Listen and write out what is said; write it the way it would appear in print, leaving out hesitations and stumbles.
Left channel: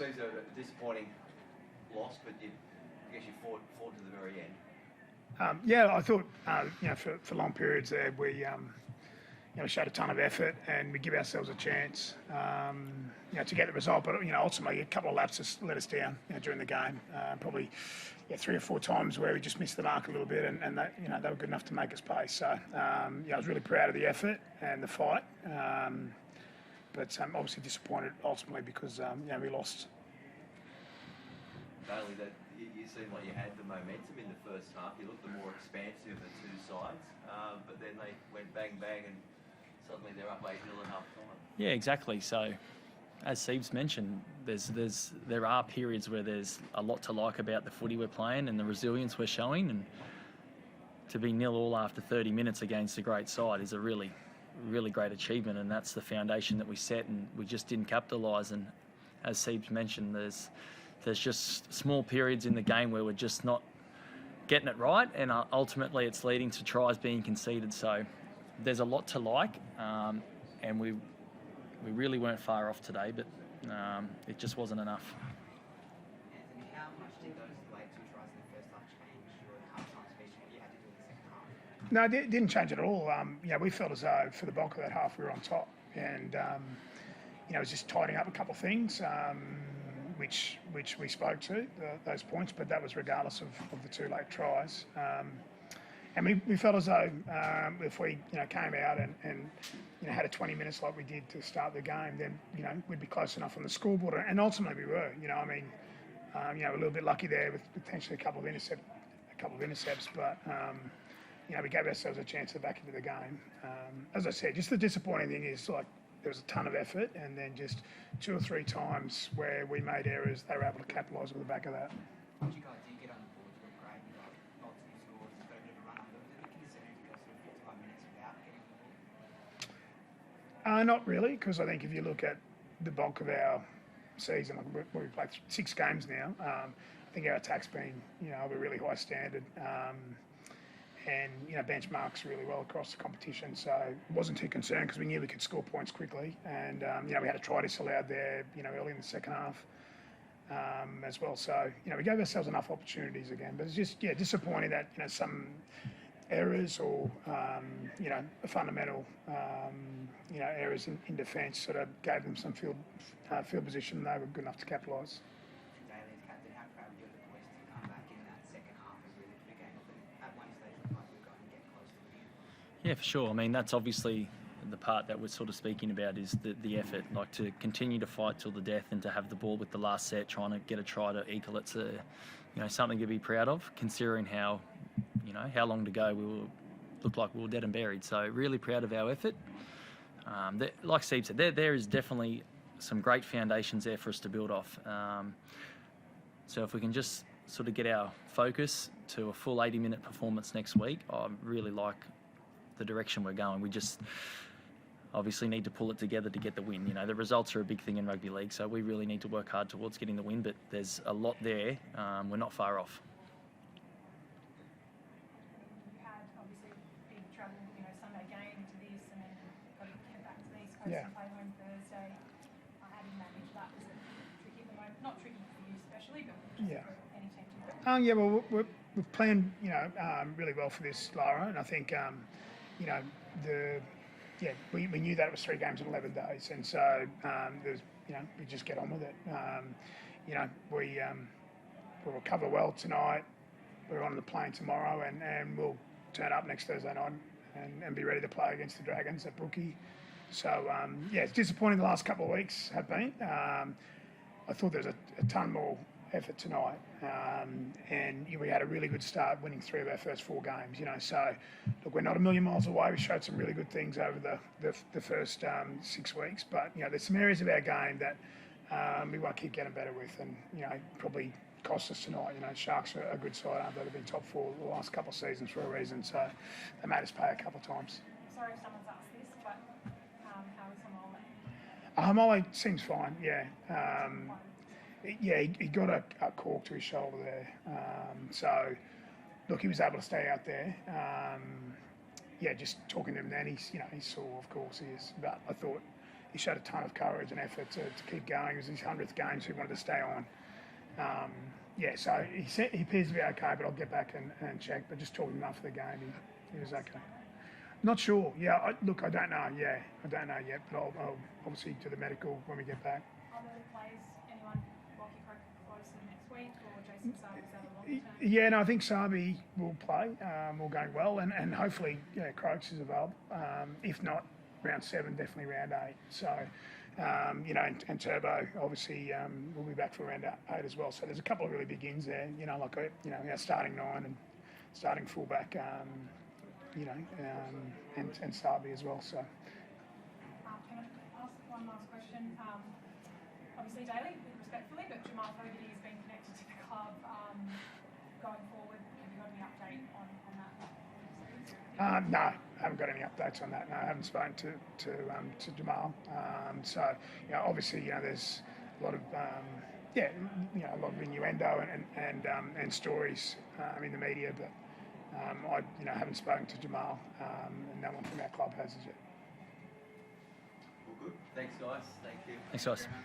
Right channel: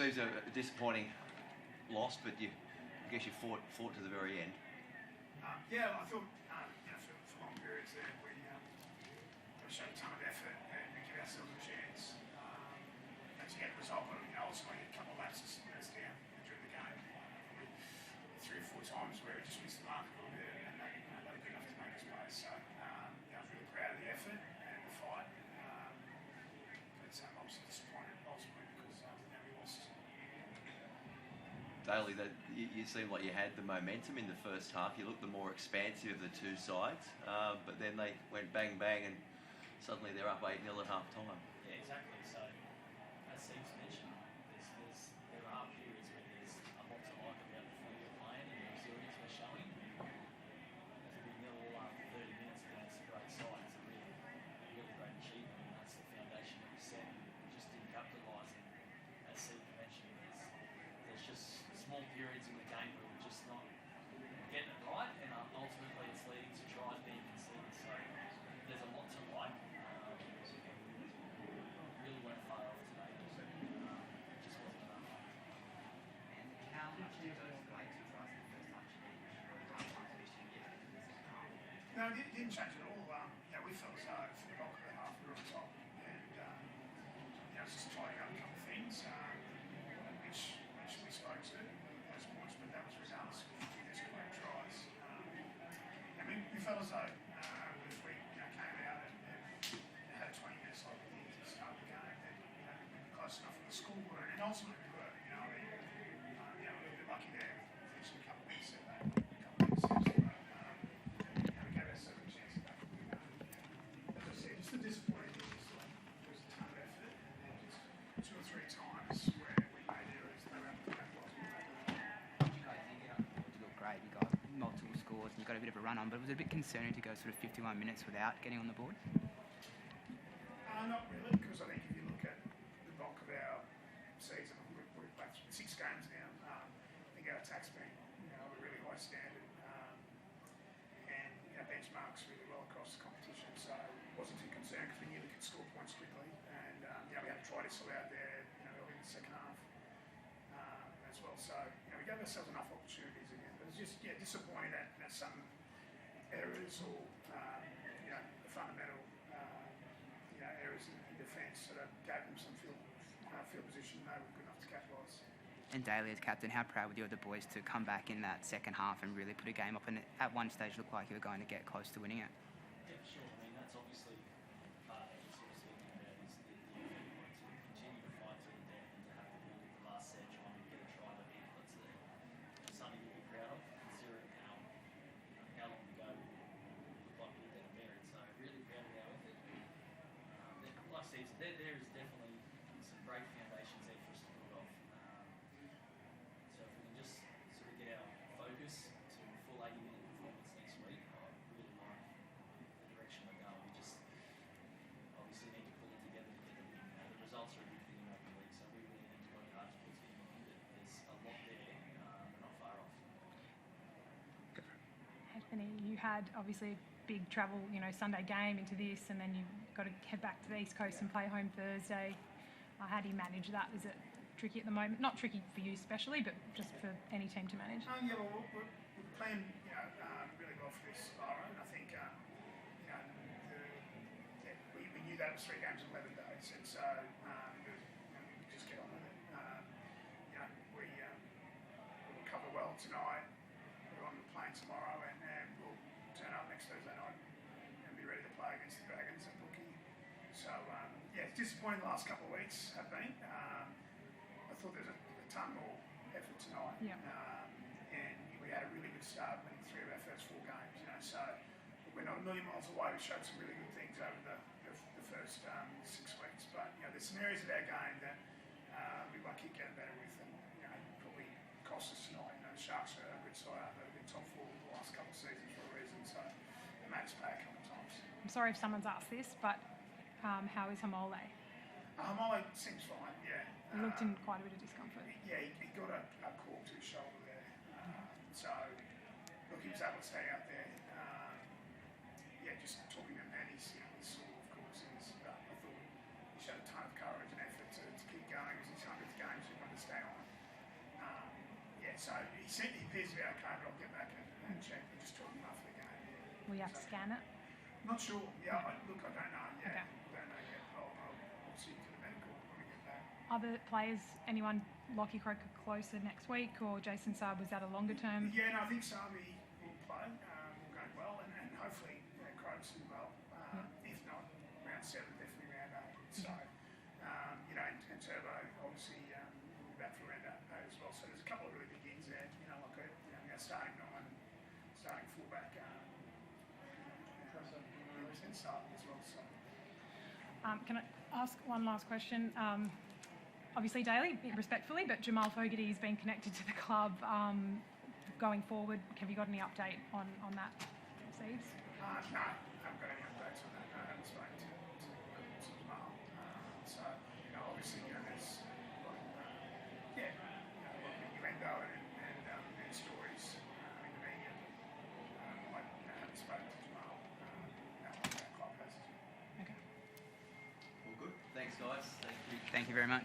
seems a disappointing loss, but I guess you fought to the very end. Yeah, I thought for long periods there we showed a ton of effort and we give ourselves a chance to get the result. But ultimately a couple of lapses let us down during the game. Probably 3 or 4 times where we just missed the mark a little bit, and that, they were good enough to make us pay. So I was really proud of the effort and the fight, but obviously disappointed ultimately because we lost. Daly, you seemed like you had the momentum in the first half. You looked the more expansive of the two sides, but then they went bang bang and suddenly they're up 8-0 at half time. Yeah, exactly. So, as Siebes mentioned, there are periods where there's a lot to like about the footy we're playing and the resilience we're showing, and to be 0-0 after 30 minutes against a great side is a really, really great achievement, and that's the foundation that we set, and we just didn't capitalise. And as Siebes mentioned, there's just small periods in the game where we're just not getting it right, and ultimately it's leading to tries being conceded. So there's a lot to like, and we really weren't far off today, but it just wasn't enough. How much do those late 2 tries in the first half change your half-time position you had in the second half? No, it didn't change at all. We felt as though for the bulk of that half we were on top, and it was just tidying up a couple of things, which we spoke to, those points, but that was regardless of the 2 late tries. And we felt as though if we came out and had a 20 minutes like we did to start the game, then we'd be close enough on the scoreboard, and ultimately we were. A little bit lucky there with potentially a couple of intercepts, but we gave ourselves a chance to back into the game. As I said, just the disappointing thing is like there was a ton of effort, and then just 2 or 3 times where we made errors, they were able to capitalise on the back of that. What you guys did get on to look great? You got multiple scores and got a bit of a run on, but was it a bit concerning to go sort of 51 minutes without getting on the board? Not really, because I think if you look at the bulk of our season, we've played 6 games now. I think our attack's been, of a really high standard, and benchmarks really well across the competition. So it wasn't too concerned because we knew we could score points quickly, and we had a try disallowed there, early in the second half as well. So we gave ourselves enough opportunities again, but it's just disappointing that some errors or fundamental errors in defence sort of gave them some field position, and they were good enough to capitalise. And Daly, as captain, how proud were you of the boys to come back in that second half and really put a game up, and at one stage looked like you were going to get close to winning it? Yeah, for sure. I mean, that's obviously the part that we're sort of speaking about is the effort, like to continue to fight till the death and to have the ball with the last set, trying to get a try to equal it's something to be proud of, considering how long to go looked like we were dead and buried. So really proud of our effort. Like Steve said, there is definitely some great foundations there for us to build off. So if we can just sort of get our focus to a full 80-minute performance next week, I really like the direction we're going. We just obviously need to pull it together to get the win. The results are a big thing in rugby league, so we really need to work hard towards getting the win, but there's a lot there. We're not far off. And you had obviously a big travel, Sunday game into this, and then you've got to head back to the East Coast and play home Thursday. How do you manage that? Is it tricky at the moment? Not tricky for you especially, but just for any team to manage? Well, we've planned, really well for this, Lara, and I think, we knew that it was 3 games in 11 days, and so we just get on with it. We'll recover well tonight. We're on the plane tomorrow, and we'll turn up next Thursday night and be ready to play against the Dragons at Brookie. So, it's disappointing the last couple of weeks have been. I thought there was a ton more effort tonight. And we had a really good start winning 3 of our first 4 games, So, look, we're not a million miles away. We showed some really good things over the first 6 weeks. But, there's some areas of our game that we won't keep getting better with, and, probably cost us tonight. Sharks are a good side, aren't they? They've been top 4 the last couple of seasons for a reason. So, they made us pay a couple of times. I'm sorry if someone's asked this, but how is Hamole? Hamole seems fine, yeah. Quite a bit of discomfort. Yeah, he got a cork to his shoulder there. So, look, he was able to stay out there. Just talking to him then, he's sore, of course he is. But I thought, he showed a ton of courage and effort to keep going. It was his 100th game, so he wanted to stay on. So he appears to be okay, but I'll get back and check. But just talking enough for the game, Will he you was have to okay. scan it? Not sure. Yeah, I don't know. Yeah, I don't know yet. But I'll obviously do the medical when we get back. Other players, anyone Lockie Croker closer next week, or Jason Saab, is that a longer term? Yeah, no, I think Sabi will play. All going well, and hopefully, Croaks is available. If not, round 7, definitely round 8. So, and Turbo obviously will be back for round 8 as well. So there's a couple of really big ins there. Our starting 9 and starting fullback. And Sabi as well. So, Can I ask one last question? Obviously, Daly, respectfully, but Jamal Fogarty has been connected to the club going forward. Have you got any update on that, Steve? No, I haven't got any updates on that. No, I haven't spoken to Jamal. Obviously, there's a lot of a lot of innuendo and stories in the media, but I haven't spoken to Jamal, and no one from our club has as yet. Well, good. Thanks, guys. Thank you. Thank you very much.